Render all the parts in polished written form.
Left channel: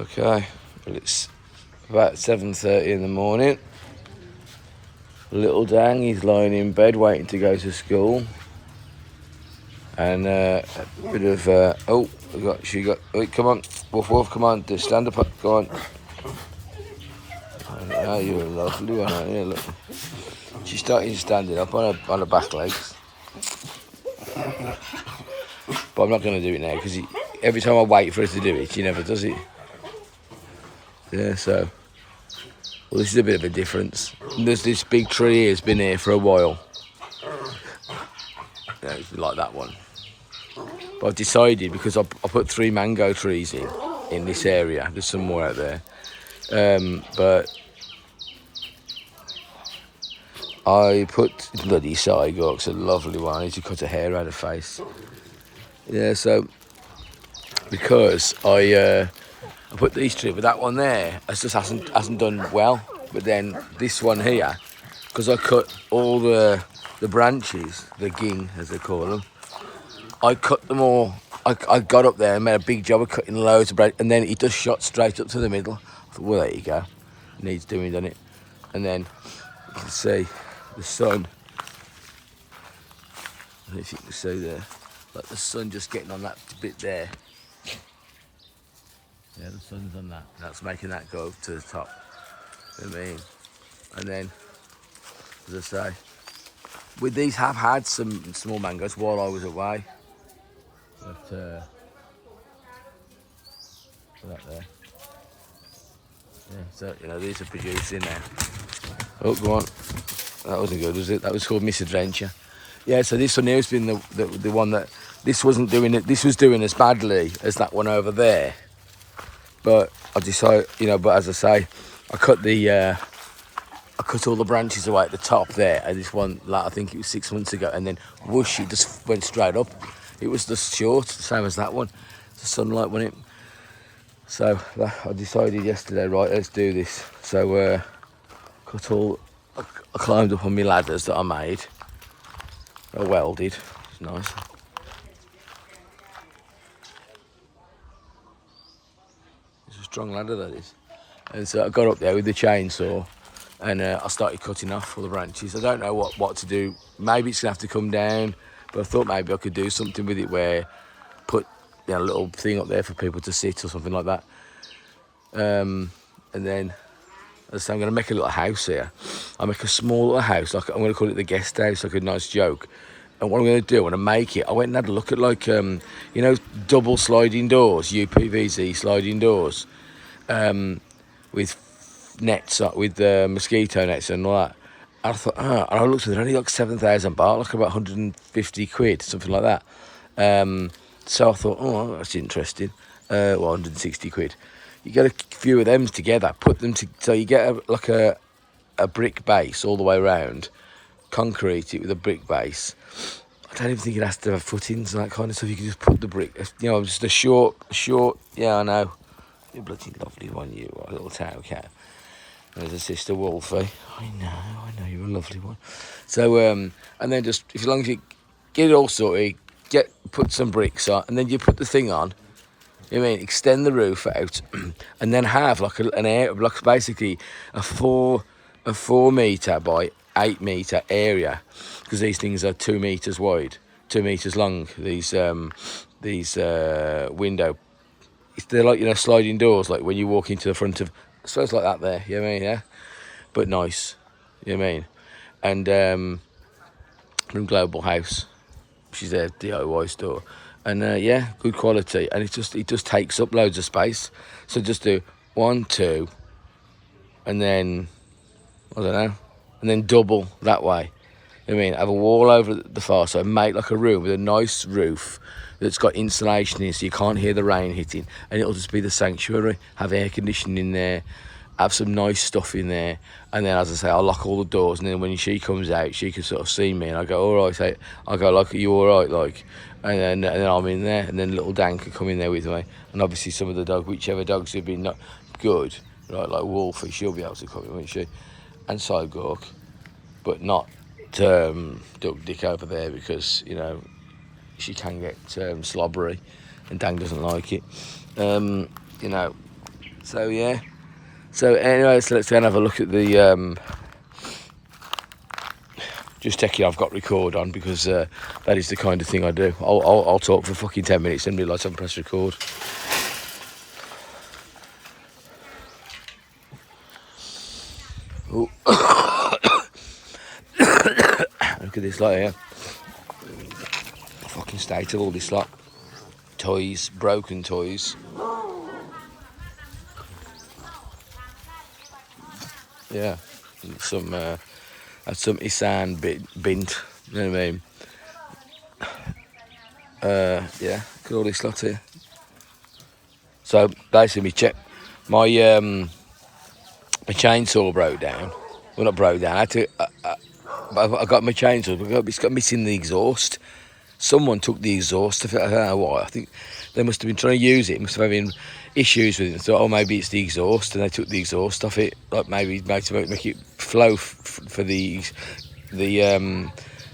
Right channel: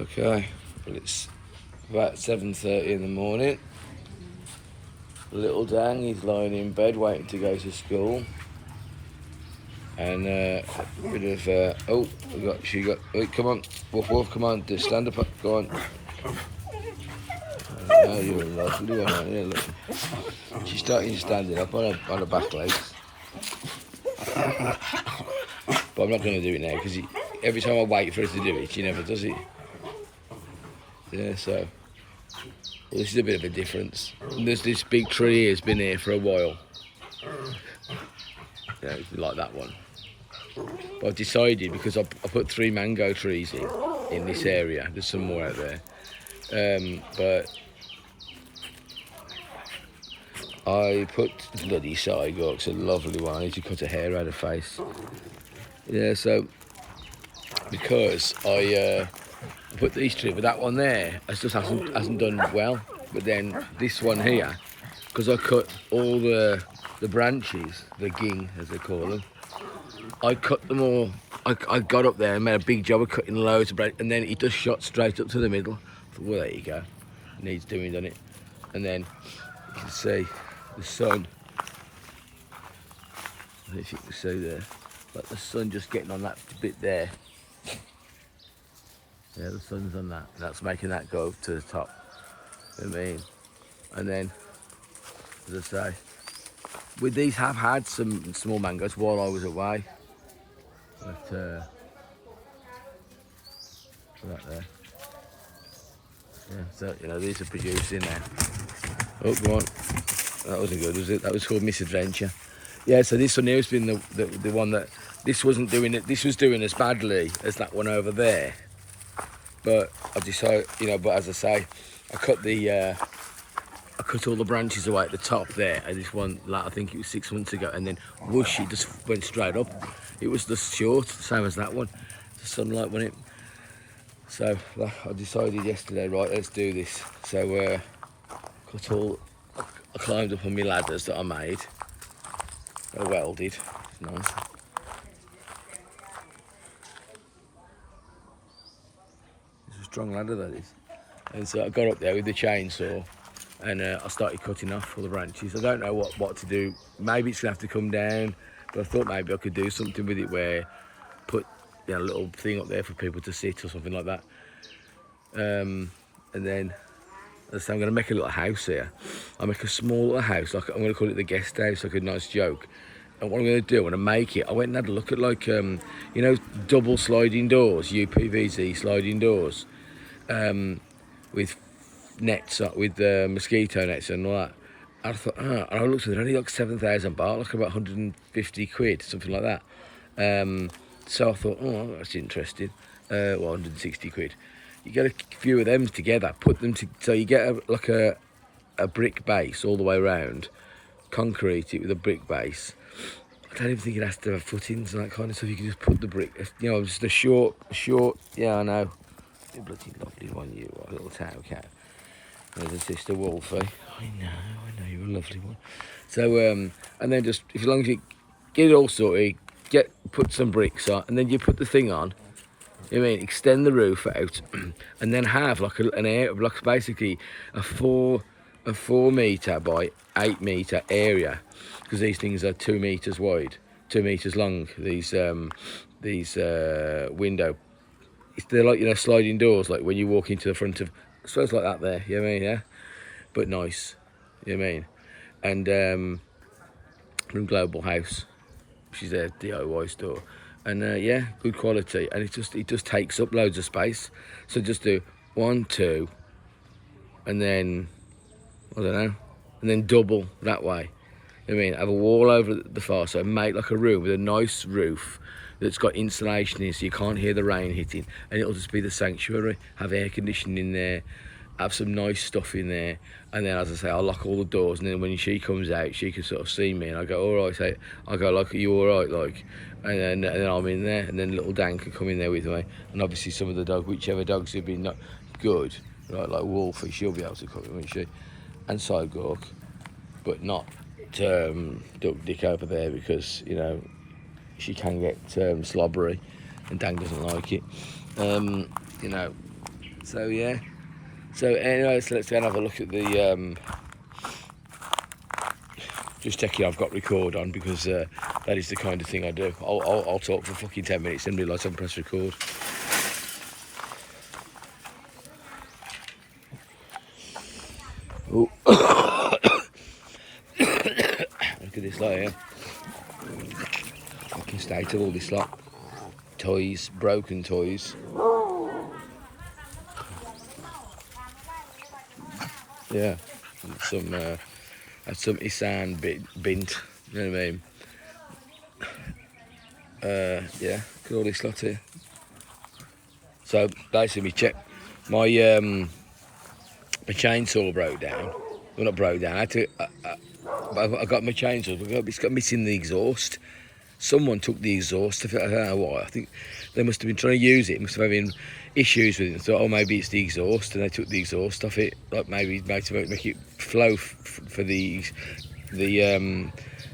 Okay, well it's about 7:30 in the morning. Little Dang, he's lying in bed waiting to go to school. And a bit of, come on, woof woof, come on, just stand up, go on. Oh, you're lovely one, aren't you? Look. She's starting standing up on her back legs. But I'm not going to do it now because every time I wait for her to do it, she never does it. Yeah, so. Well, this is a bit of a difference. There's this big tree here, it's been here for a while. Yeah, it's like that one. But I've decided, because I put 3 mango trees in this area. There's some more out there. But I put bloody Cygork's a lovely one. I need to cut her hair out of her face. Yeah, so because I put these trees, but that one there just hasn't done well. But then this one here, because I cut all the branches, the ging as they call them, I cut them all. I got up there and made a big job of cutting loads of branches, and then it just shot straight up to the middle. I thought, well, there you go. Needs doing, doesn't it? And then you can see the sun. As you can see there, like the sun just getting on that bit there. Yeah, the sun's on that. And that's making that go up to the top. You know what I mean? And then, as I say, with these, have had some small mangoes while I was away. But that there. Yeah, so you know these are producing now. Oh, go on. That wasn't good, was it? That was called Misadventure. Yeah, so this one here has been the one that this wasn't doing it. This was doing as badly as that one over there. But I decided, you know. But as I say, I cut all the branches away at the top there. And this one, like, I think it was 6 months ago, and then whoosh, it just went straight up. It was just short, the same as that one. The sunlight went in. So I decided yesterday, right, let's do this. So I climbed up on my ladders that I made. I welded. It's nice. It's a strong ladder, that is. And so I got up there with the chainsaw, and I started cutting off all the branches. I don't know what to do. Maybe it's gonna have to come down, but I thought maybe I could do something with it where put a little thing up there for people to sit or something like that. And then, as I say, I'm gonna make a little house here. I'll make a small little house. Like, I'm gonna call it the guest house, like a nice joke. And what I'm gonna do, I'm gonna make it. I went and had a look at, like, you know, double sliding doors, UPVC sliding doors, with nets, with mosquito nets and all that. And I thought, and I looked at it, they're only like 7,000 baht, like about 150 quid, something like that. So I thought, oh, that's interesting. Well, 160 quid. You get a few of them together, put them so you get a brick base all the way around, concrete it with a brick base. I don't even think it has to have footings and that kind of stuff. You can just put the brick, you know, just a short. Yeah, I know. You're a bloody lovely one, you are, little tail cat. There's a sister Wolfie. I know, you're a lovely one. So, and then just, as long as you get it all sorted, put some bricks on, and then you put the thing on. You know what I mean, extend the roof out, and then have like like basically a 4 metre by 8 metre area, because these things are 2 metres wide, 2 metres long. These window. They're like, you know, sliding doors, like when you walk into the front of, I suppose like that there, you know what I mean, yeah? But nice, you know what I mean? And from Global House, she's a DIY store. And yeah, good quality. And it just takes up loads of space. So just do 1, 2, and then, I don't know, and then double that way. You know what I mean? Have a wall over the far side, make like a room with a nice roof that's got insulation in, so you can't hear the rain hitting, and it'll just be the sanctuary. Have air conditioning in there, have some nice stuff in there, and then, as I say, I'll lock all the doors, and then when she comes out, she can sort of see me, and I go, all right, I go, like, are you all right, like, and then I'm in there, and then little Dan can come in there with me, and obviously some of the dogs, whichever dogs have been not good, right, like Wolfie, she'll be able to come in, won't she, and Cygork, but not Duck Dick over there, because, you know, she can get slobbery, and Dan doesn't like it. You know, So yeah. So anyway, so let's go and have a look at the. Just checking I've got record on because that is the kind of thing I do. I'll talk for fucking 10 minutes and realise I haven't pressed record. Oh. Look at this lot here. Fucking state of all this lot. Toys, broken toys. Yeah, some Isan bint. You know what I mean? Yeah, look at all this lot here. So basically, my my chainsaw broke down. Well, not broke down. I had to. I got my chainsaw. It's got missing the exhaust. Someone took the exhaust. I don't know why. I think they must have been trying to use it. Must have been issues with it. And thought, oh, maybe it's the exhaust, and they took the exhaust off it. Like maybe to make it flow for the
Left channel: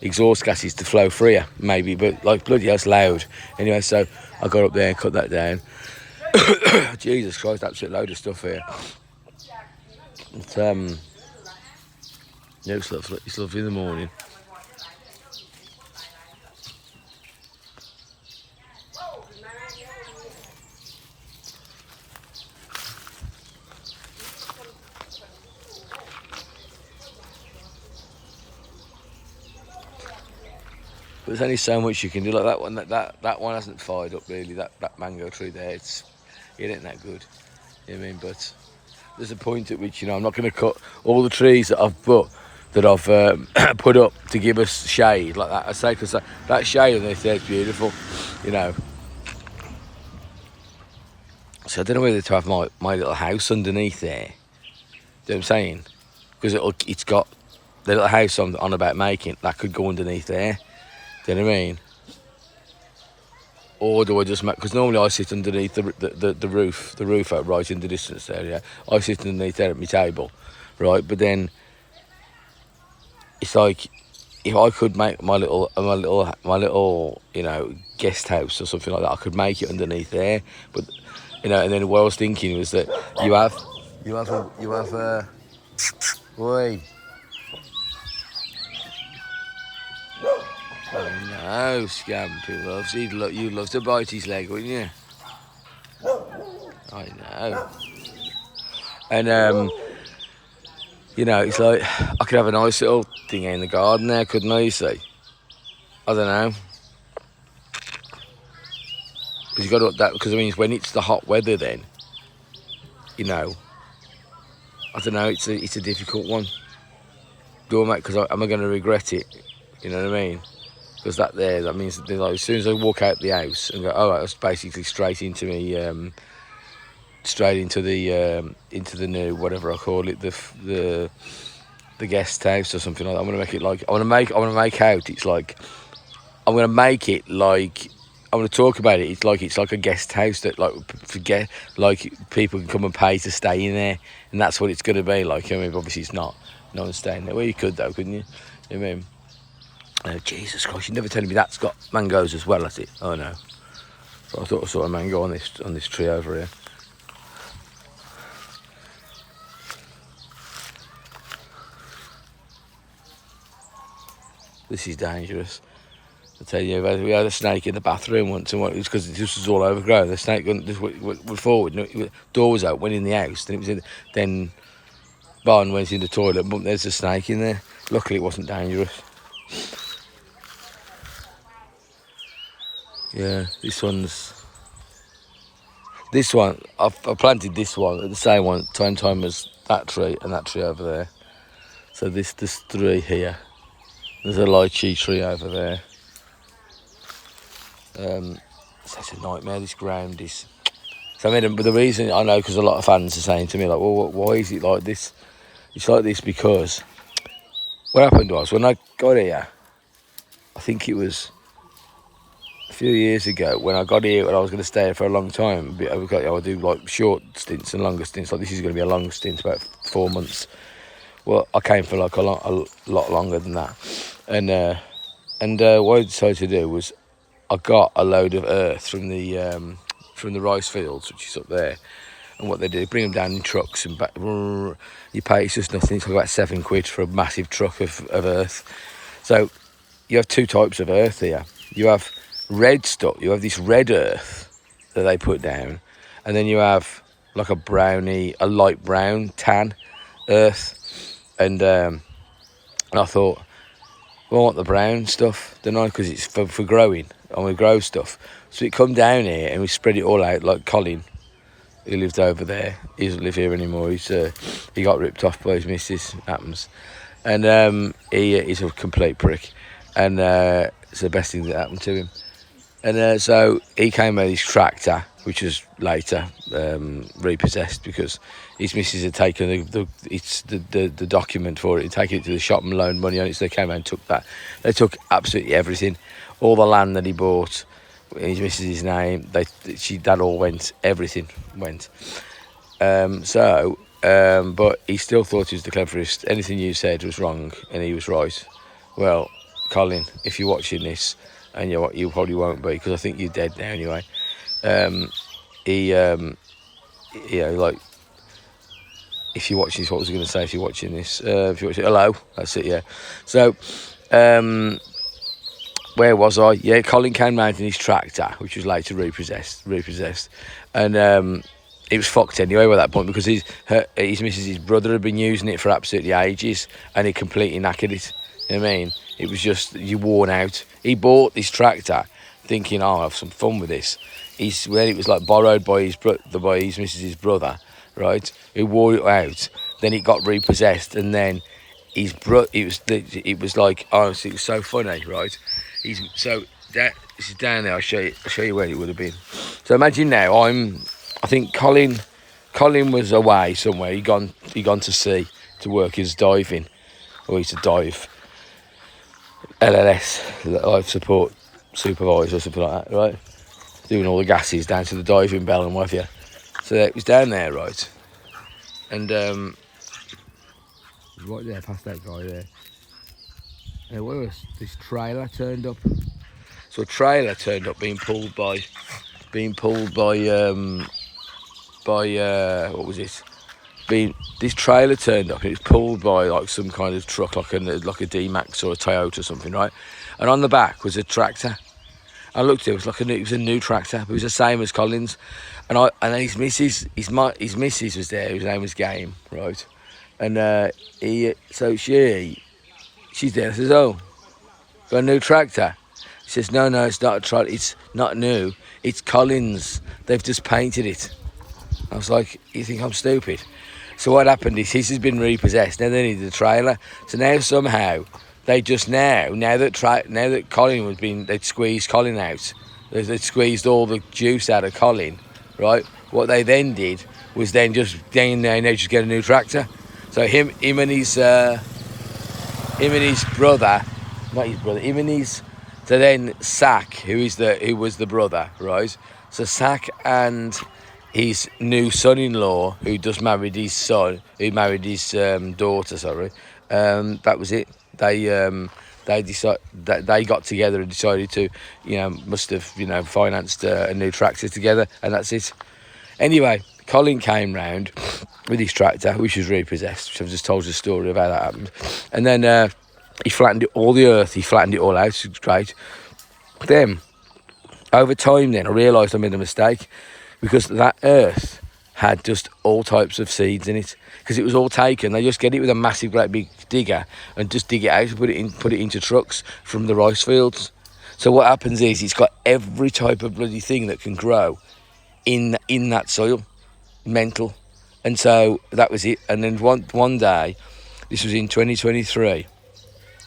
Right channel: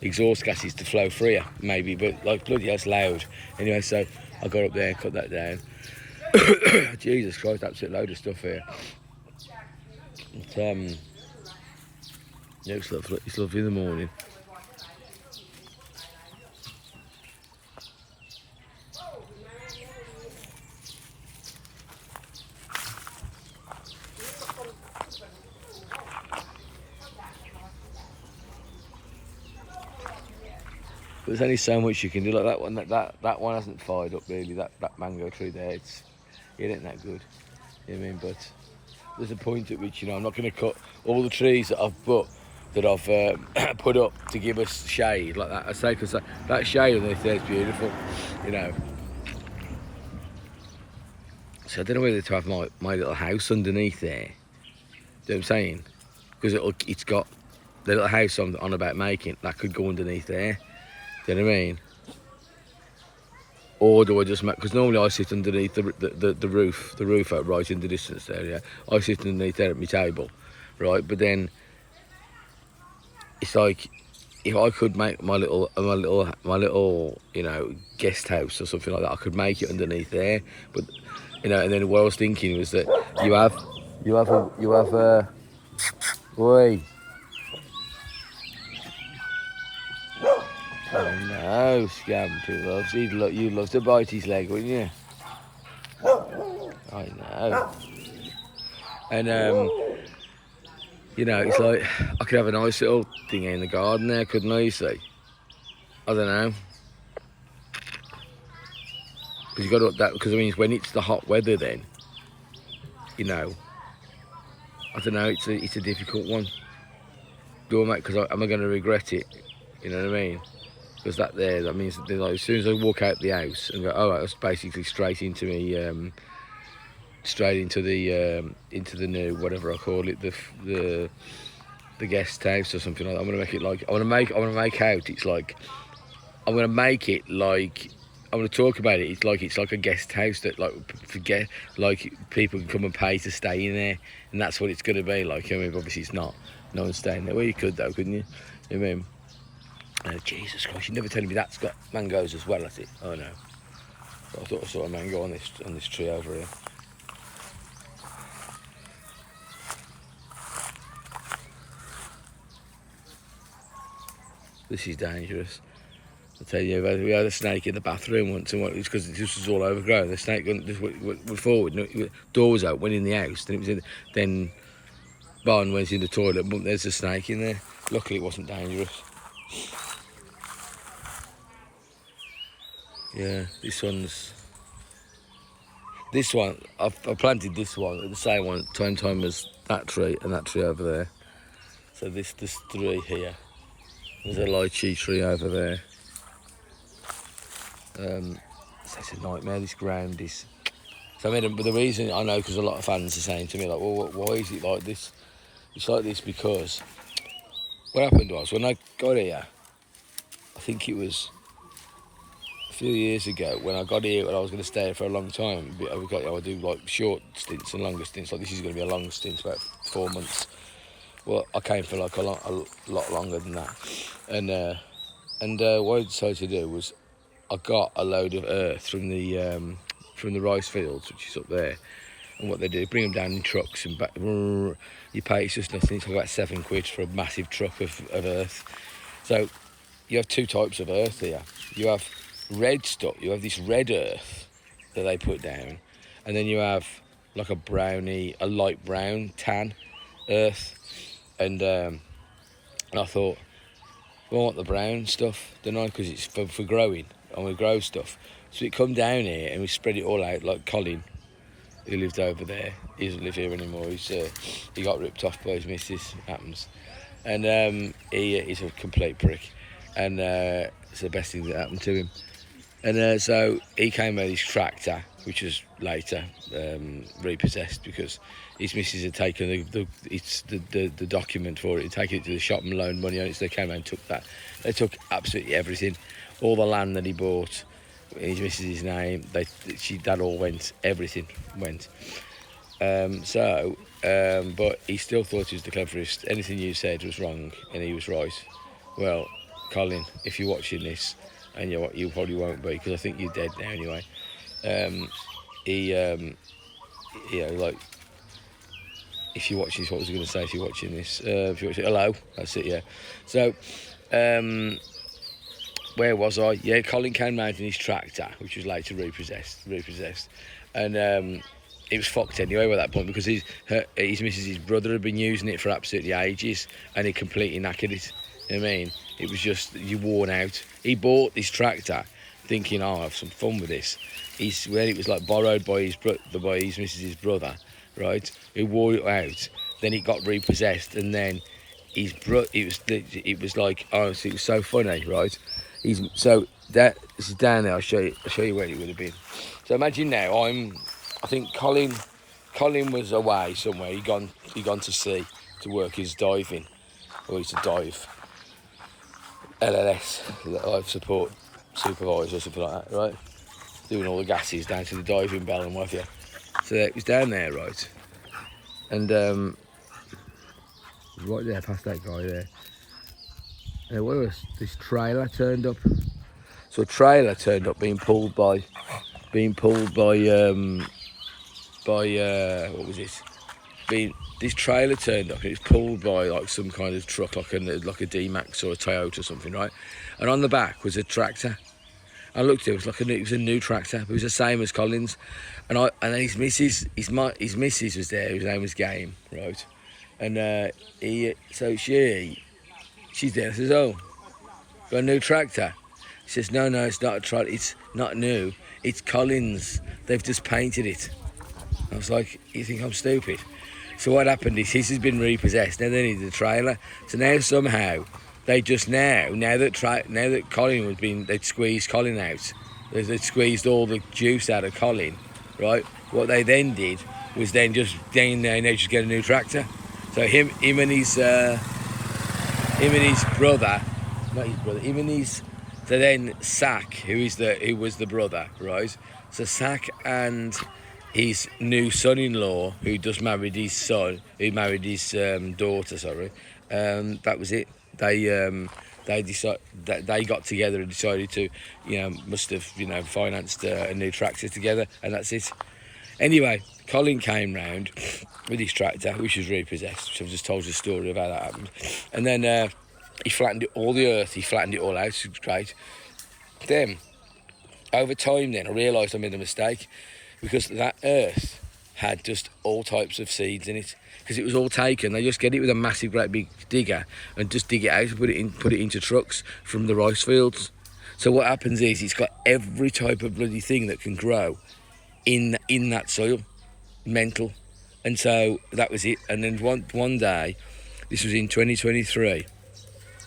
exhaust gases to flow freer, maybe. But like bloody hell, it's loud. Anyway, so I got up there and cut that down. Jesus Christ, absolute load of stuff here. But, yeah, it's lovely in the morning. But there's only so much you can do. Like that one, that one hasn't fired up really. That mango tree there, it ain't that good. You know what I mean? But there's a point at which, you know, I'm not going to cut all the trees that I've put up to give us shade like that. I say, because that shade underneath there is beautiful, you know. So I don't know whether to have my little house underneath there. Do you know what I'm saying? Because it's got the little house on about making that could go underneath there. Do you know what I mean? Or do I just make? Because normally I sit underneath the roof out right in the distance there. Yeah, I sit underneath there at my table, right? But then it's like if I could make my little, you know, guest house or something like that, I could make it underneath there. But you know, and then what I was thinking was that you have boy. Oh no, Scampy loves. You'd love to bite his leg, wouldn't you? I know. And you know, it's like I could have a nice little thing in the garden there, couldn't I? You see? I don't know. Because you got to up that. Because I mean, when it's the hot weather, then you know. I don't know. It's a difficult one. Do I make? Because am I going to regret it? You know what I mean? Because that means that, like, as soon as I walk out the house and go, oh, right, that's basically straight into me, straight into the new, whatever I call it, the guest house or something like that. I'm gonna make it like I want to make out. It's like I'm gonna make it like I'm gonna talk about it. It's like a guest house that like people can come and pay to stay in there, and that's what it's gonna be like. I mean, obviously it's not. No one's staying there. Well, you could though, couldn't you? You know what I mean? Oh, Jesus Christ, you never tell me that's got mangoes as well, has it? Oh no. But I thought I saw a mango on this tree over here. This is dangerous. I tell you, we had a snake in the bathroom once, and it was because this was all overgrown. The snake just went forward, and door was out, went in the house, then Barn went in the toilet, but there's a snake in there. Luckily, it wasn't dangerous. Yeah, this one, I've planted this one, the same one, time as that tree and that tree over there. So there's 3 here. There's a lychee tree over there. So it's a nightmare, this ground is. So I mean, but the reason I know, because a lot of fans are saying to me, like, well, why is it like this? It's like this because what happened was, when I got here, I think it was a few years ago, when I got here and I was going to stay here for a long time. I'll do like short stints and longer stints. Like this is going to be a long stint, about 4 months. Well, I came for like a lot longer than that. And what I decided to do was, I got a load of earth from the rice fields, which is up there, And what they do, bring them down in trucks and back. You pay, it's just nothing. It's about £7 for a massive truck of earth. So you have two types of earth here. You have red stuff. You have this red earth that they put down, and then you have like a brownie, a light brown tan earth. And I thought, well, I want the brown stuff, don't I? Because it's for growing. And we grow stuff. So we come down here and we spread it all out, like Colin, who lived over there. He doesn't live here anymore. He got ripped off by his missus. Happens. And he's a complete prick. And it's the best thing that happened to him. And so he came with his tractor, which was later repossessed because his missus had taken the document for it, taken it to the shop and loaned money on it. So they came out and took that. They took absolutely everything, all the land that he bought in his missus' name. That all went. Everything went. But he still thought he was the cleverest. Anything you said was wrong, and he was right. Well, Colin, if you're watching this, and you probably won't be, because I think you're dead now anyway. Like, if you're watching this, what was I going to say? If you're watching this, hello, that's it, yeah. So, where was I? Yeah, Colin came round in his tractor, which was later repossessed, and it was fucked anyway by that point because his missus' brother had been using it for absolutely ages, and he completely knackered it. You know what I mean? It was just, you worn out. He bought this tractor thinking, I'll have some fun with this. When it was like borrowed by his missus' brother, right? He wore it out. Then it got repossessed, and then it was like, honestly, it was so funny, right? This is down there. I'll show you where it would have been. So imagine now, I think Colin was away somewhere. He gone to sea to work his diving, or he used to dive. LLS, life support supervisor or something like that, right? Doing all the gases down to the diving bell and what have you. So it was down there, right? And right there, past that guy there. And where was this trailer turned up? So a trailer turned up being pulled by what was it? This trailer turned up. It was pulled by like some kind of truck, like a D-Max or a Toyota or something, right? And on the back was a tractor. I looked at it. It was a new tractor, but it was the same as Colin's. And then his missus was there. Whose name was Game, right? And she's there. I says, "Oh, got a new tractor?" She says, "No, it's not a tractor. It's not new. It's Colin's. They've just painted it." I was like, "You think I'm stupid?" So what happened is his has been repossessed. Now they needed a trailer. So now somehow they just now that Colin was being, they'd squeezed Colin out. They'd squeezed all the juice out of Colin, right? What they then did was then just get a new tractor. So him and his brother, not his brother, so then Sack, who was the brother, right? So Sack and his new son-in-law, who just married his son, who married his daughter, sorry. That was it. They decided that they got together and decided to, must have, financed a new tractor together, and that's it. Anyway, Colin came round with his tractor, which was repossessed, which I've just told you the story of how that happened. And then he flattened it, all the earth, he flattened it all out, it was great. Then, over time then, I realised I made a mistake, because that earth had just all types of seeds in it. Because it was all taken, they just get it with a massive great big digger and just dig it out and put it into trucks from the rice fields. So what happens is it's got every type of bloody thing that can grow in that soil. Mental. And so that was it. And then one day, this was in 2023,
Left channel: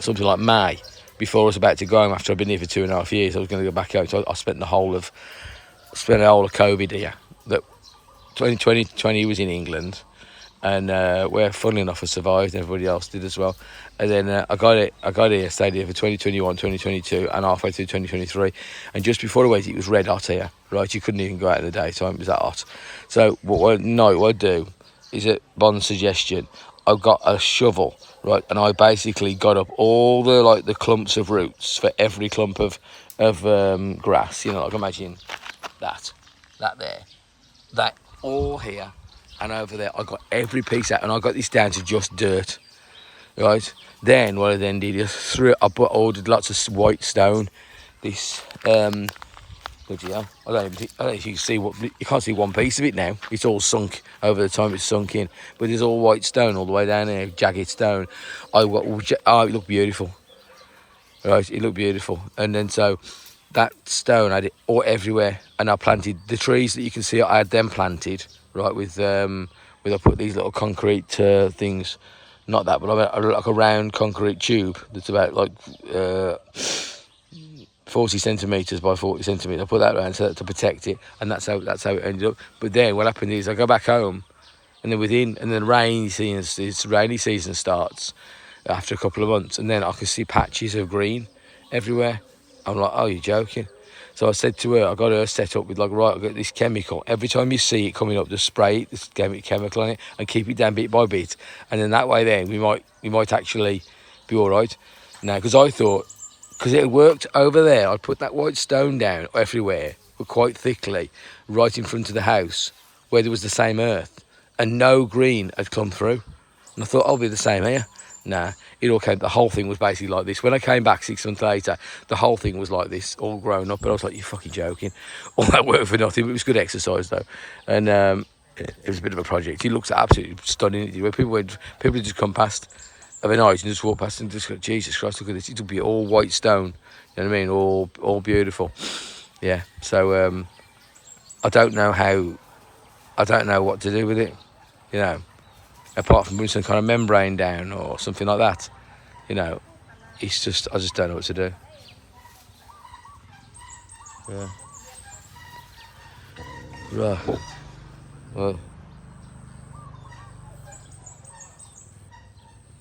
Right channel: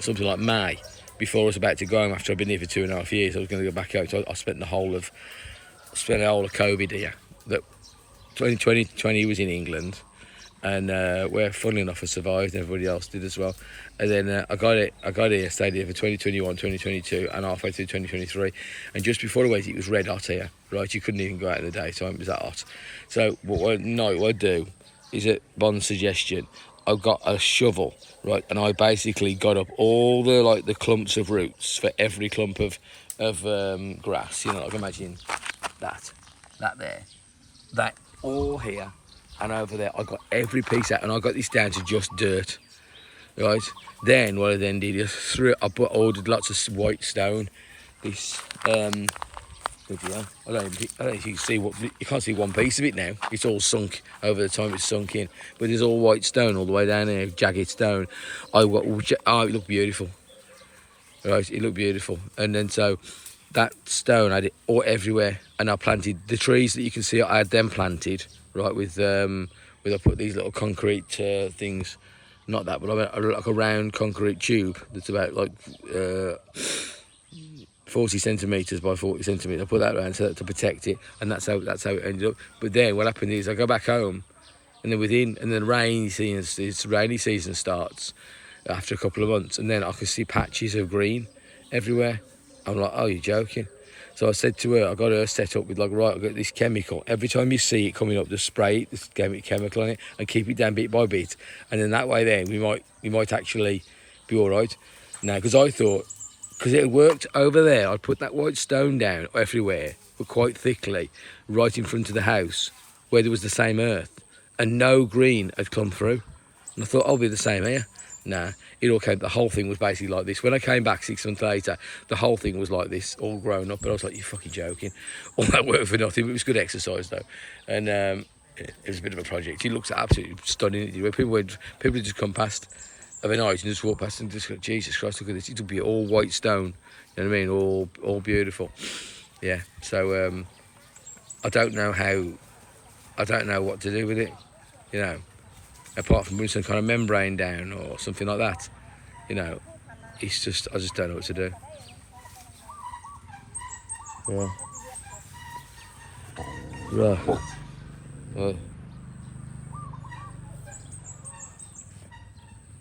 something like May, before I was about to go home after I'd been here for 2.5 years. I was going to go back home. So I spent the whole of COVID here. That 2020 was in England, and where, funnily enough, I survived. Everybody else did as well. And then I got here, stayed here for 2021, 2022, and halfway through 2023. And just before I went, it was red hot here, right? You couldn't even go out in the daytime. It was that hot. So what I do is, at Bond's suggestion, I got a shovel, right, and I basically got up all the clumps of roots for every clump of grass. Like imagine that there. That all here and over there. I got every piece out, and I got this down to just dirt, right? Then what I then did is ordered lots of white stone. This what do you know? I don't know if you can see you can't see one piece of it now. It's all sunk over the time it's sunk in, but there's all white stone all the way down there, jagged stone. It looked beautiful, right? It looked beautiful, and then so that stone I had it all everywhere, and I planted the trees that you can see. I had them planted right with I put these little concrete things, not that, but I like a round concrete tube that's about like 40 centimetres by 40 centimetres. I put that around so that to protect it, and that's how it ended up. But then what happened is I go back home, and then rainy season starts after a couple of months, and then I can see patches of green everywhere. I'm like, oh, you're joking. So I said to her, I got her set up with like, right, I've got this chemical. Every time you see it coming up, just spray it, just chemical on it, and keep it down bit by bit. And then that way then we might actually be all right. Now, because I thought, because it worked over there, I put that white stone down everywhere, but quite thickly, right in front of the house, where there was the same earth, and no green had come through. And I thought, I'll be the same here. Nah, the whole thing was basically like this. When I came back 6 months later, the whole thing was like this, all grown up. But I was like, you're fucking joking. All that work for nothing. It was good exercise though. And it was a bit of a project. It looks absolutely stunning. Where people just come past of a night and just walk past and just go, Jesus Christ, look at this. It'll be all white stone. You know what I mean? All beautiful. Yeah. So I don't know what to do with it. You know, apart from putting some kind of membrane down or something like that. You know, I just don't know what to do. Yeah. Right. Well.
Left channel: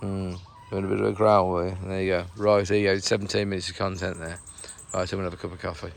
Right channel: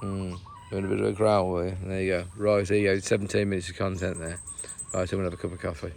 Doing a bit of a growl, were you? There you go. Right, there you go. 17 minutes of content there. Right, I'm going to have a cup of coffee.